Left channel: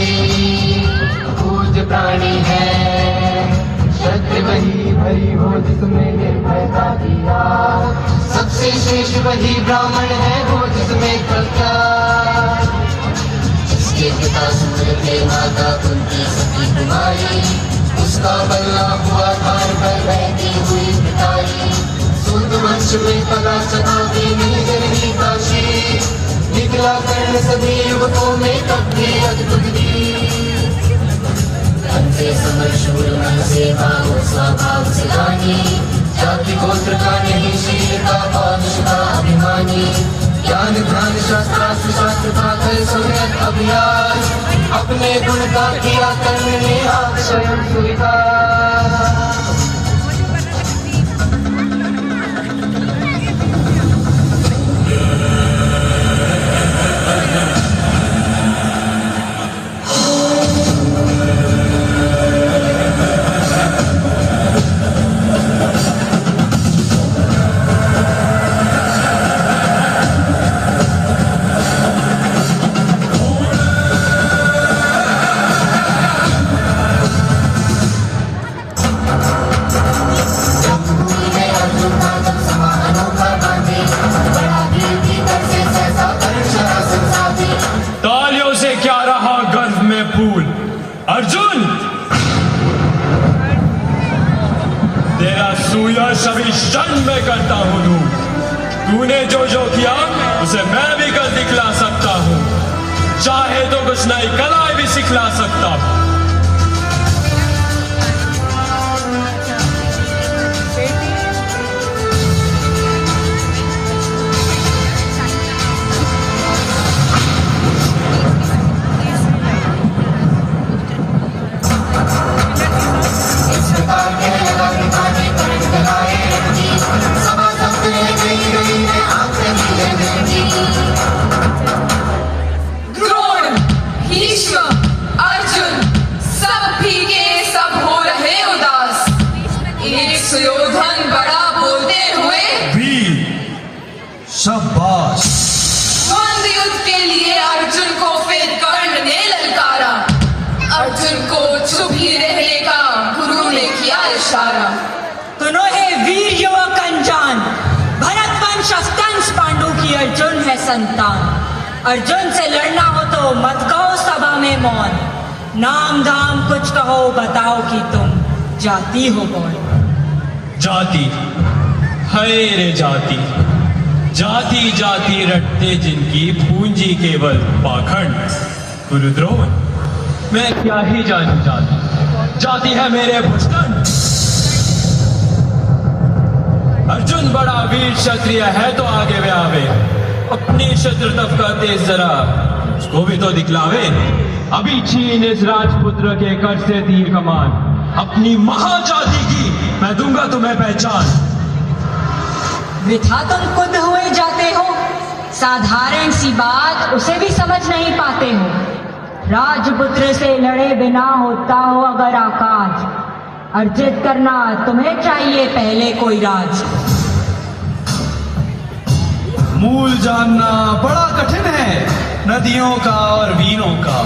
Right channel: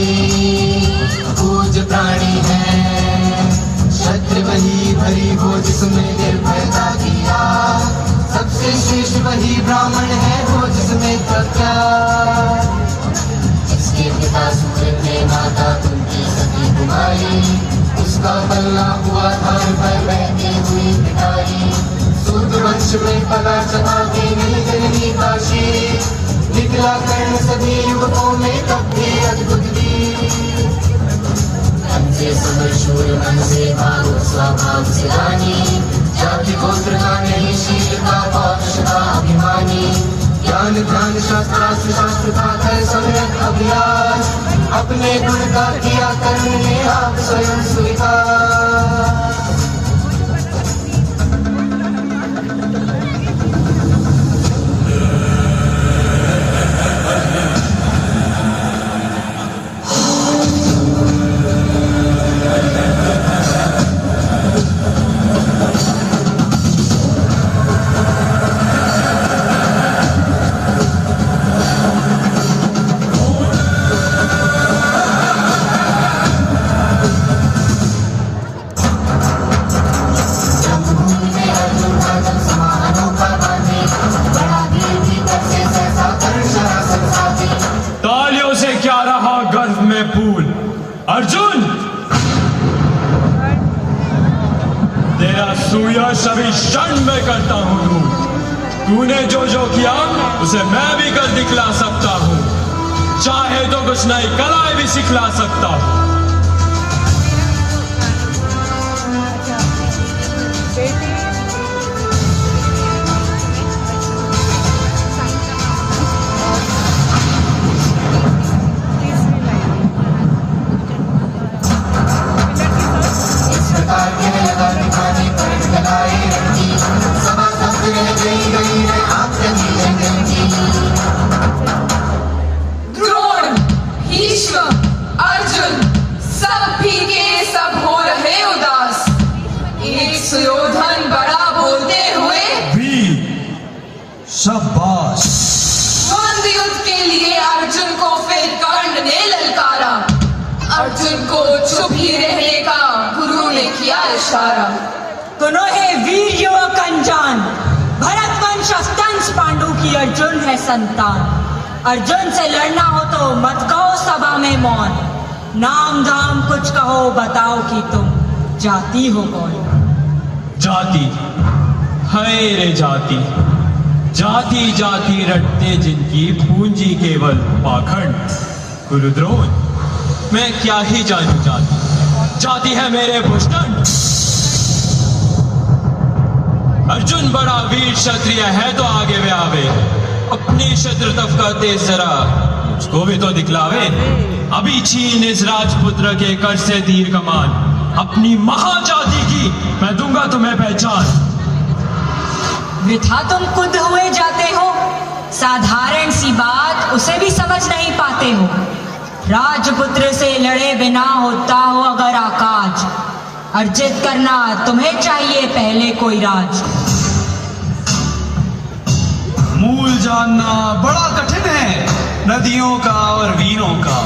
ही पूज्य प्राणी है। क्षत्रिय वही भरी हो जिसमें निर्भयता किया, सबसे श्रेष्ठ वही ब्राह्मण है हो जिसमें कर्ता। जिसके पिता सूर्य थे माता कुंती सती कुमारी, उसका बल्ला हुआ धार पर बहती हुई पिटाई। सूर्यवंश में पला चला भी नहीं गई काशी, निकला कर्ण सभी युवकों में तब भी अद्भुत दी। से समरशूर मन से भाव स्वभाव से रानी, जाति गोत्र का नहीं शील का पौरुष का अभिमानी। ज्ञान ध्यान शास्त्रास्त्र शास्त्र था कर सुमिरन अभियान, अपने गुण का किया कर्ण ने आप स्वयं स्वीकार। अर्जुन, तेरा सुयश अभी क्षण में करता हूं। तूने जो जो किया उसे मैं भी कल दिखला सकता हूं, चाहे तो कुछ नई कलाएं भी सिखला सकता हूं। द्रोण, भीष्म, अर्जुन सब भीगे, सब हो रहे उदास। एक सुयोधन बड़ा बोलते हुए वीर शाबाश। द्वंद्व युद्ध के लिए अर्जुन को फिर कर्ण ने ललकारा। अर्जुन को चुप ही रहने का गुरु ने किया इशारा। दोनों है वीर युवक अनजान, भरत वंश अस्तंस पांडु की अर्जुन है संतान। अर्जुन से लड़ना हो तो मत कहो सभा में मौन, नाम धाम कुछ कहो बताओ कि तुम जाति हो कौन। जाति है रे जाति, जाति जाति रटते जिनकी पूंजी केवल पाखंड। गुरुद्रोण, मैं क्या ही जानू जाति, जाति है मेरे भुजदंड। अर्जुन बड़ा वीर क्षत्रिय है तो आगे वे आवे, अपनी शत्रुतफ का तेज जरा मुझको भी तो दिखलावे। अभी छीन इस राजपुत्र के कर से तीर कमान, अपनी महाजाति की मैं दूंगा तुम्हें पहचान। वृथा तुम खुद हुए जाते हो, साधारण सी बात उसे भी समझ नहीं पाते हो। राजपुत्र से लड़े बिना होता हो अगर आकाज, अर्जित करना तुम्हें चाहिए पहले कोई राज। मूल जानना बड़ा कठिन है नदियों का और वीरों का।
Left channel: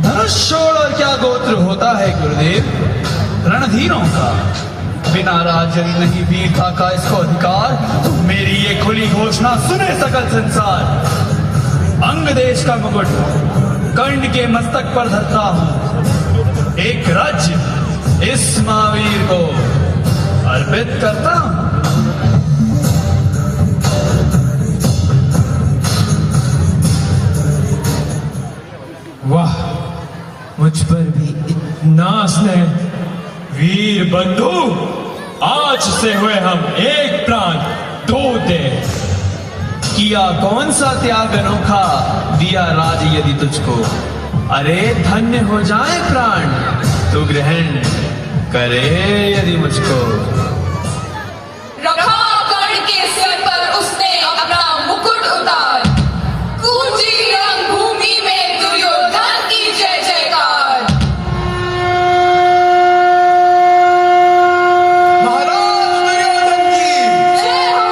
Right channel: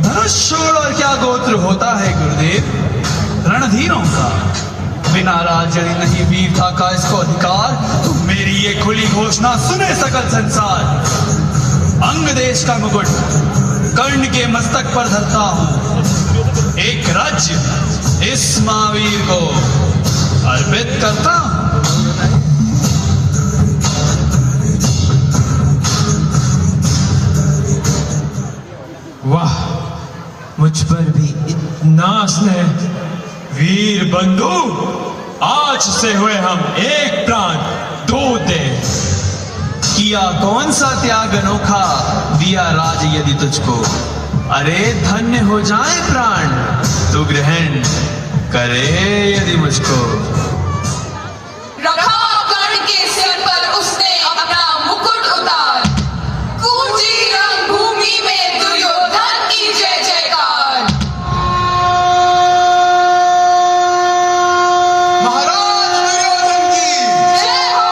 धनुष छोड़ और क्या गोत्र होता है गुरुदेव रणधीरों का। बिना राज यदि नहीं वीरता का इसको अधिकार, तो मेरी ये खुली घोषणा सुने सकल संसार। अंग देश का मुकुट कर्ण के मस्तक पर धरता हूं, एक राज्य इस महावीर को अर्पित करता हूं। वाह, मुझ पर भी इतना स्नेह। वीर बंधु, आज से हुए हम एक प्राण दो दे। किया कौन सा त्याग अनोखा, दिया राज यदि तुझको। अरे धन्य हो जाए प्राण, तू ग्रहण करे यदि मुझको। रखा कर्ण के सिर पर उसने अपना मुकुट उतार, गूंजी रणभूमि में दुर्योधन की जय जयकार। महाराज दुर्योधन की जय हो,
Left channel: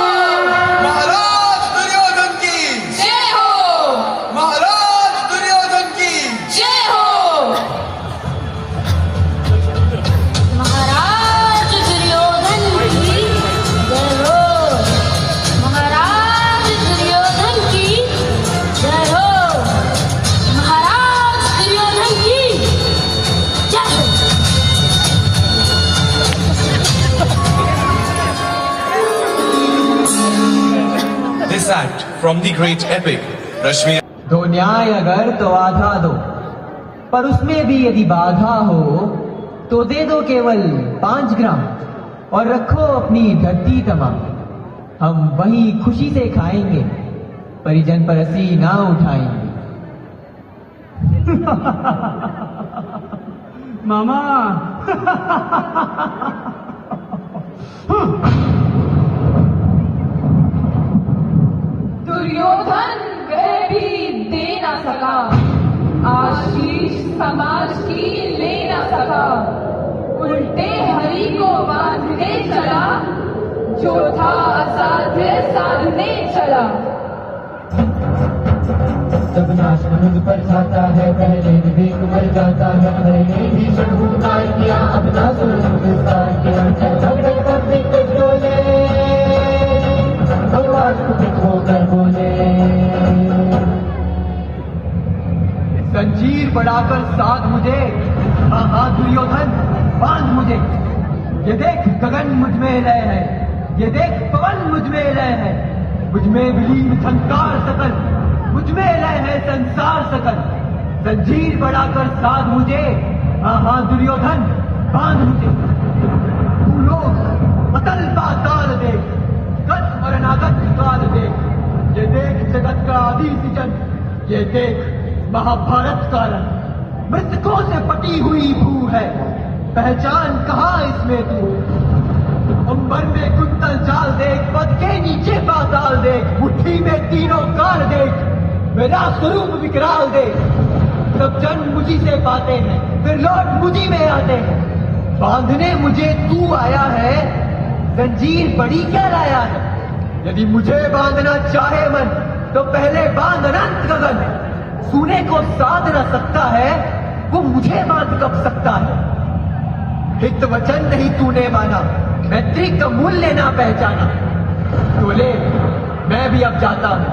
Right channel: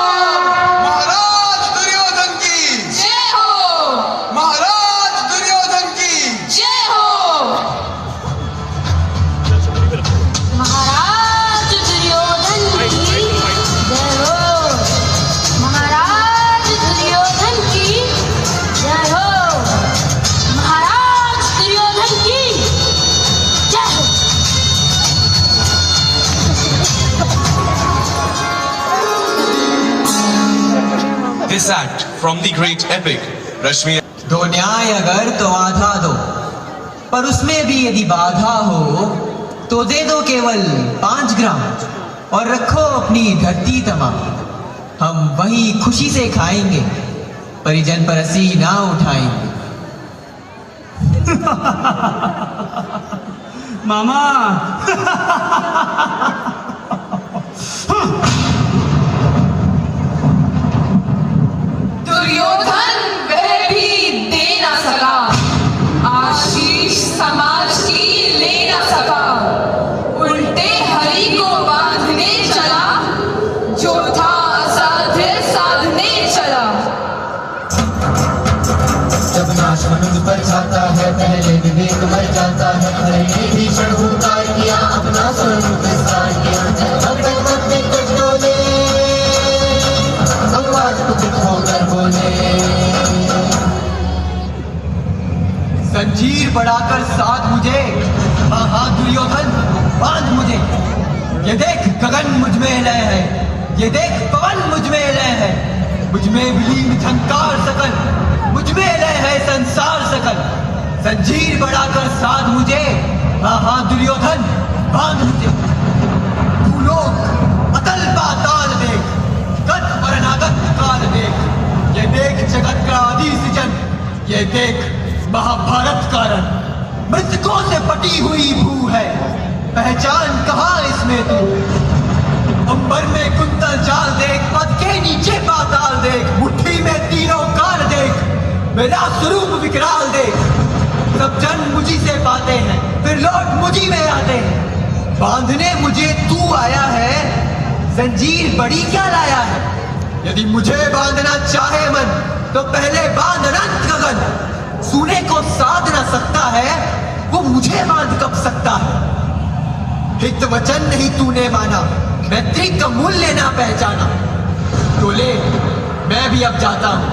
महाराज दुर्योधन की जय हो, महाराज दुर्योधन की जय हो। from the great epic Rashmi. दो न्याय अगर तो आधा दो, पर उसमें भी यदि बाधा हो तो दे दो केवल 5 ग्राम और रखो अपनी धरती तमाम। हम वही खुशी से खाएंगे, परिजन पर हंसी ना उठाएंगे। मामा दुर्योधन वह भी दे ना सका, आशीष समाज की ले ना सका, उल्टे हरि को बांधने चला, जो था असाध्य साधने चला। जब नाश मनुष्य पर जाता है, पहले विवेक मर जाता है। हरि ने भीषण हुंकार किया, अपना स्वरूप विस्तार किया। भक्त अपने कष्ट डोले, भगवान पुत्र होकर बोले। जंजीर बढ़ाकर साथ मुझे, हाँ हाँ दुर्योधन बांध मुझे। ये देख गगन मुझ में लय है, ये देख पवन मुझ में लय है, मुझ में विलीन झंकार सकल, मुझ में लय है संसार सकल। जंजीर बढ़ाकर साध मुझे, हाँ हाँ दुर्योधन बांध मुझे। भूलोक अतल पाताल देख, गत और अनागत काल देख, ये देख जगत का आदि सृजन, ये देख महाभारत कारण। मृतकों से पटी हुई भू है, पहचान कहाँ इसमें तू। अंबर में कुंतल चाल देख, पद के नीचे पाताल देख, मुट्ठी में तीनों काल देख, मेरा स्वरूप विकराल देख। सब जन मुझी से पाते हैं, फिर लौट मुझी में आते हैं। बांधने मुझे तू आया है, जंजीर बड़ी क्या लाया है। यदि मुझे बांधना चाहे मन, तो पहले बांध अनंत गगन। सूने को साध न सकता है, वो मुझे बांध कब सकता है। हित वचन नहीं तूने माना, मैत्री का मूल्य ना पहचाना। बोले मैं भी अब जाता हूं।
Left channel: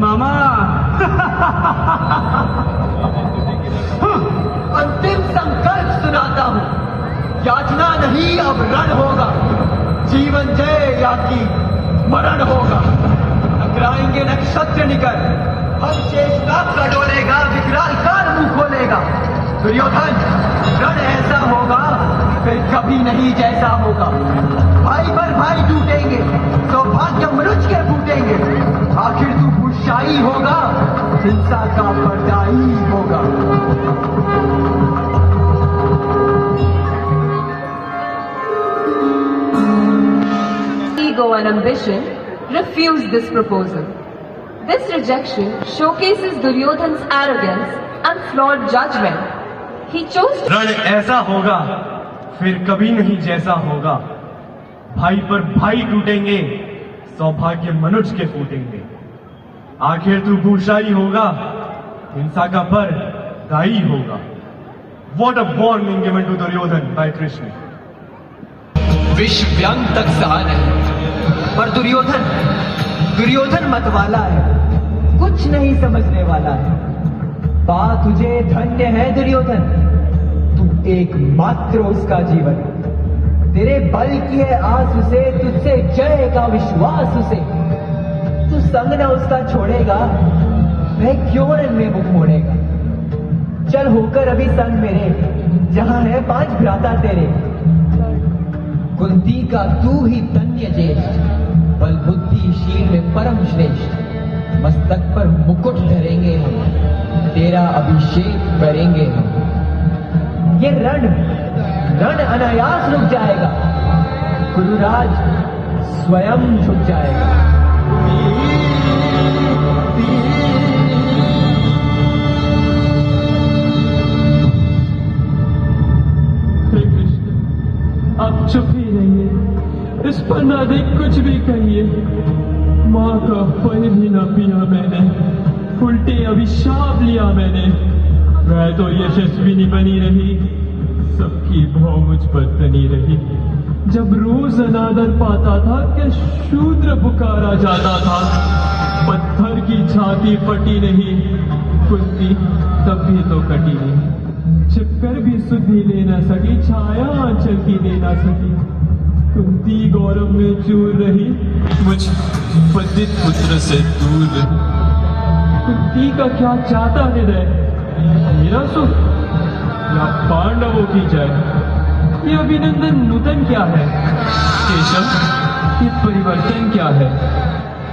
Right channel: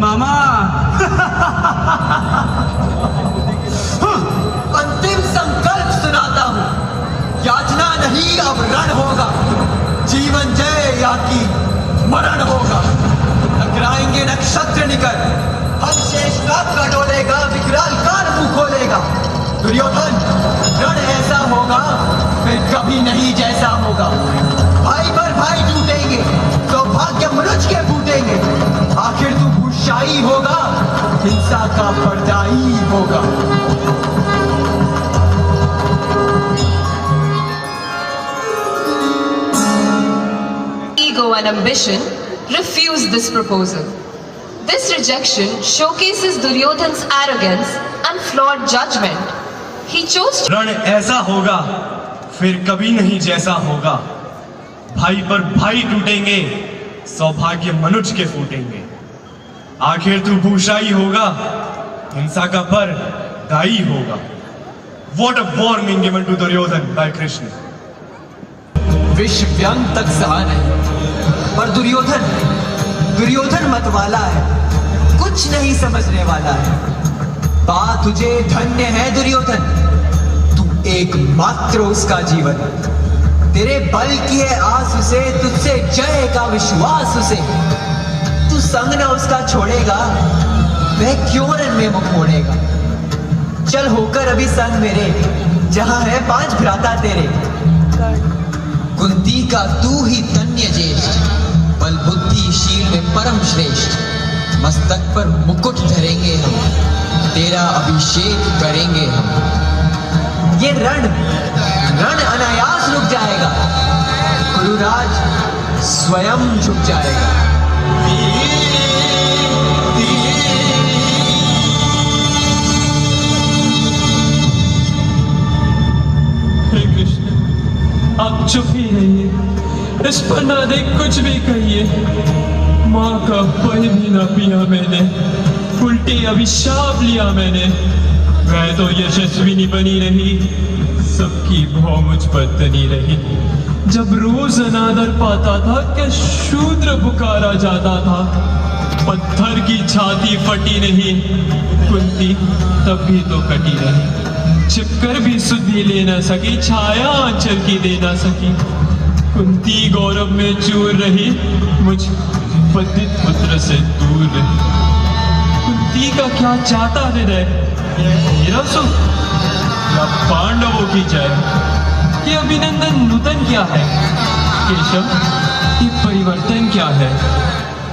मामा अंतिम संकल्प सुनाता हूं, याचना नहीं अब रण होगा। जीवन जय या की मरण होगा। टकराएंगे नक्षत्र निकल, हम शेष नाग का डोलेगा, विकराल काल मुंह खोलेगा। दुर्योधन रण ऐसा होगा, फिर कभी नहीं जैसा होगा। भाई पर भाई टूटेंगे, सौभाग्य मनुष्य के फूटेंगे। आखिर तू भूषाई होगा, हिंसा का पर्दाई होगा। Ego and ambition refused this proposal. This rejection showcases Duryodhan's arrogance and flawed judgment. He chose to रण ऐसा होगा, फिर कभी नहीं जैसा होगा। भाई पर भाई टूटेंगे, सौभाग्य मनुष्य के फूटेंगे। आखिर तू भूषाई होगा, हिंसा का पर दाई होगा। What a warning given to Duryodhan by Krishna. विष व्यंग तक सहन है, पर दुर्योधन मतवाला है, कुछ नहीं समझने वाला है। बात तुझे धन्य है दुर्योधन, तू एकमात्र उसका जीवन। तेरे बल की है आस उसे, तुझसे जय का विश्वास उसे। तू संग न उसका छोड़ेगा, वह क्यों रण में मुख मोड़ेगा। चल होकर अभी संग मेरे, जहां है 5 भ्राता तेरे। कुंती का तू ही तन्य ज्येष्ठ, बल बुद्धि शील में परम श्रेष्ठ। मस्तक पर मुकुट धरेंगे हम, तेरा अभिषेक करेंगे हम। ये रण अनायास रुक जाएगा, गुरुराज स्वयं झुक जाएगा। हे कृष्ण, आप चुप ही रहिए, इस पर ना देख कुछ भी कहिए। माँ का फल भी ना पिया मैंने, उल्टे अभिशाप लिया मैंने। वह तो यशस्विनी बनी रही, सबकी भौ मुझ पर तनी रही। जब रोज अनादर पाता था, क्या शूद्र पुकारा जाता था। पत्थर की छाती फटी नहीं, कुंती तब भी तो कटी नहीं। छिपकर भी सुधि ले न सकी, छाया आंचल की दे न सकी। कुंती गौरव में चूर रही, मुझ पंडित पुत्र से दूर रही। कुंती का क्या चाहता हृदय, मेरा सुख या पांडवों की जय? ये अभिनंदन नूतन क्या है केशव, ये परिवर्तन क्या है?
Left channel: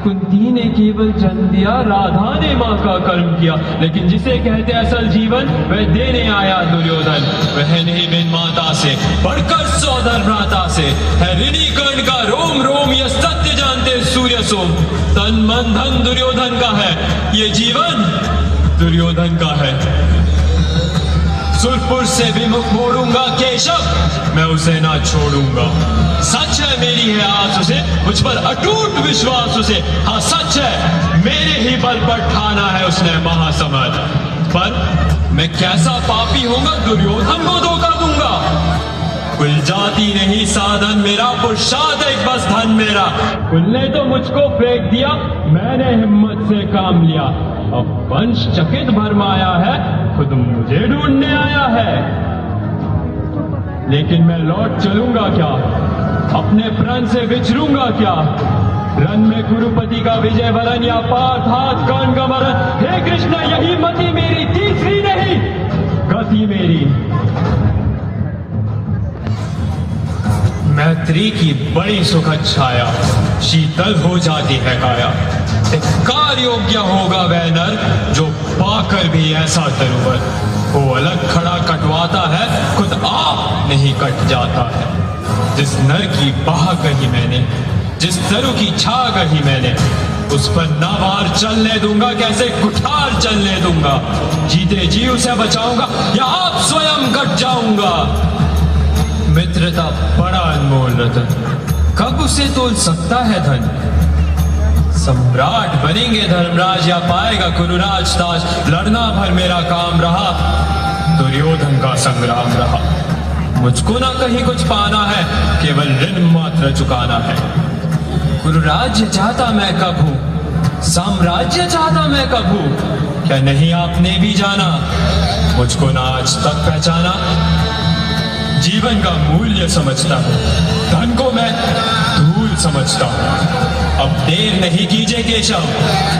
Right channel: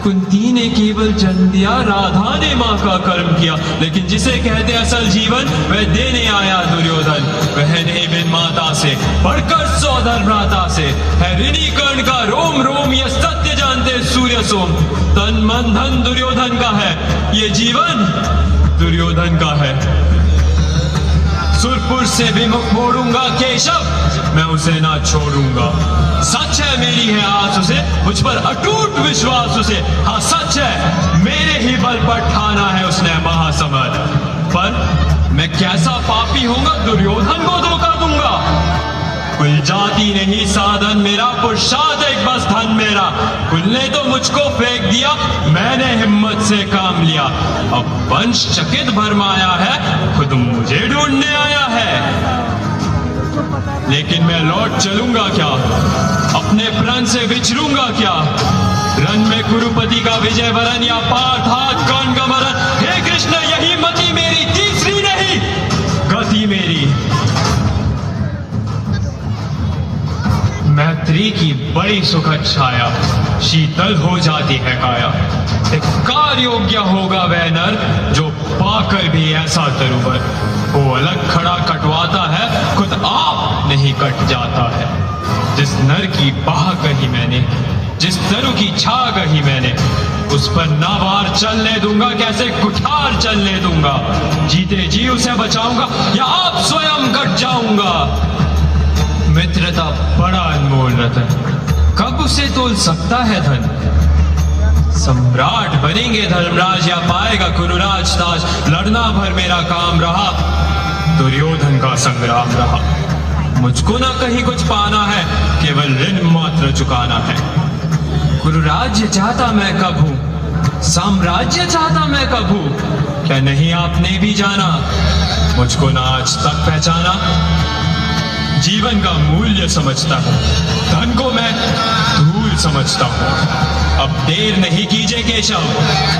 कुंती ने केवल जन्म दिया, राधा ने माँ का कर्म किया, लेकिन जिसे कहते असल जीवन वह देने आया दुर्योधन। वह नहीं बिन माता से बढ़कर सौधर भ्राता से, है ऋणी कर्ण का रोम रोम, ये सत्य जानते सूर्य सोम। तन मन धन दुर्योधन का है, ये जीवन दुर्योधन का है। सुरपुर से विमुख मोड़ूंगा केशव, मैं उसे ना छोड़ूंगा। सच है मेरी है आस उसे, मुझ पर अटूट विश्वास उसे। हाँ सच है मेरे ही बल पर ठाना है उसने महासमर। पर मैं कैसा पापी होऊंगा, दुर्योधन को धोखा दूंगा। कुल जाति नहीं साधन मेरा, पुरुषार्थ एक बस धन मेरा। कुल ने तो मुझको फेंक दिया, मैंने हिम्मत से काम लिया। अब वंश चकित भरमाया है, खुद मुझे ढूंढने आया है। लेकिन मैं लौट चलूंगा क्या, अपने प्रण से विचरूंगा क्या? रण में कुरुपति का विजय वरण या पार्थ हाथ कर्ण का मरण। हे कृष्ण यही मति मेरी, तीसरी नहीं गति मेरी। मैत्री की बड़ी सुखद छाया, शीतल हो जाती है काया। धिक्कार योग्य होगा वह नर, जो पाकर भी ऐसा तरुवर। वो अलग खड़ा कटवाता है, खुद आप नहीं कट जाता है। जिस नर की बाह कही मैंने, जिस तरु की छा कही मैंने, उस पर नावार चलने दूंगा, कैसे कुठार चलने दूंगा। जीते जी उसे बचाऊंगा या आप स्वयं कट जाऊंगा। मित्रता बड़ा अनमोल रतन, कब उसे तोल सकता है धन। सम्राट बनेंगे धर्मराज या पाएगा कुरुराज ताज। लड़ना भर मेरा काम रहा, दुर्योधन का संग्राम रहा। मुझको ना कहीं कुछ पाना है, केवल ऋण मात्र चुकाना है। कुरुराज्य चाहता मैं कब हूं, साम्राज्य चाहता मैं कब हूं। क्या नहीं आपने भी जाना, मुझको ना आज तक पहचाना। जीवन का मूल्य समझता हूँ, धन को मैं धूल समझता हूँ। अब देर नहीं कीजिए केशव,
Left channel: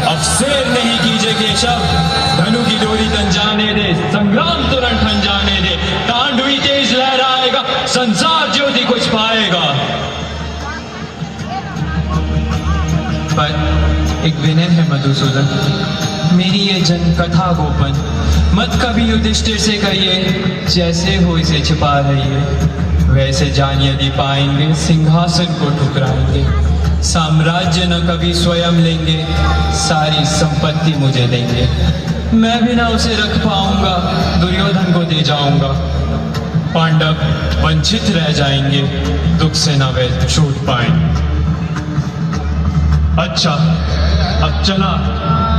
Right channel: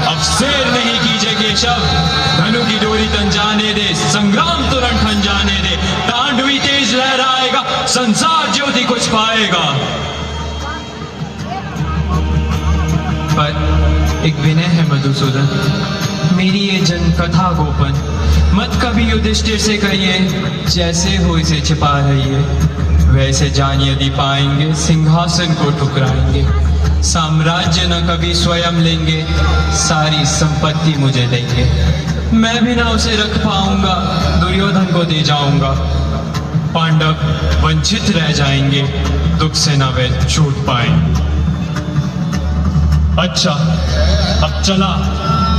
अब शेर नहीं कीजिए केशव। धनु की डोरी तन जाने दे, संग्राम तुरंत ठन जाने दे। तांडवी तेज लहराएगा, संसार ज्योति कुछ पाएगा। पर एक विनय है मधुसूदन, मेरी ये जन कथा गोपन मत कभी युधिष्ठिर से कहिए, जैसे हो इसे छिपा रहिए। वैसे जान यदि पाएंगे, सिंहासन को ठुकराएंगे। साम्राज्य न कभी स्वयं लेंगे, सारी संपत्ति मुझे देंगे। मैं भी ना उसे रख पाऊंगा, दुर्योधन को दे जाऊंगा। पांडव वंचित रह जाएंगे, दुख से न वे छूट पाएंगे। अच्छा अब चला,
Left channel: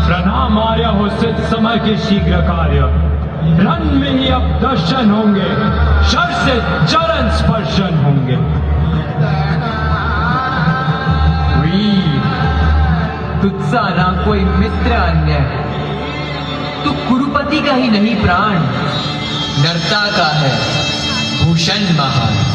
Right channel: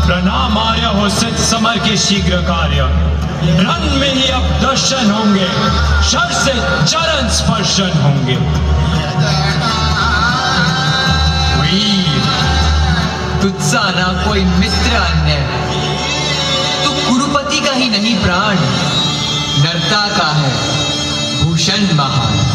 प्रणाम आया हो सिद्ध समर के शीघ्र कार्य। रण में ही अब दर्शन होंगे, शर से चरण स्पर्शन होंगे। तुझसा ना कोई मित्र अन्य, तू कुरुपति का ही नहीं प्राण, नरता का है भूषण महान।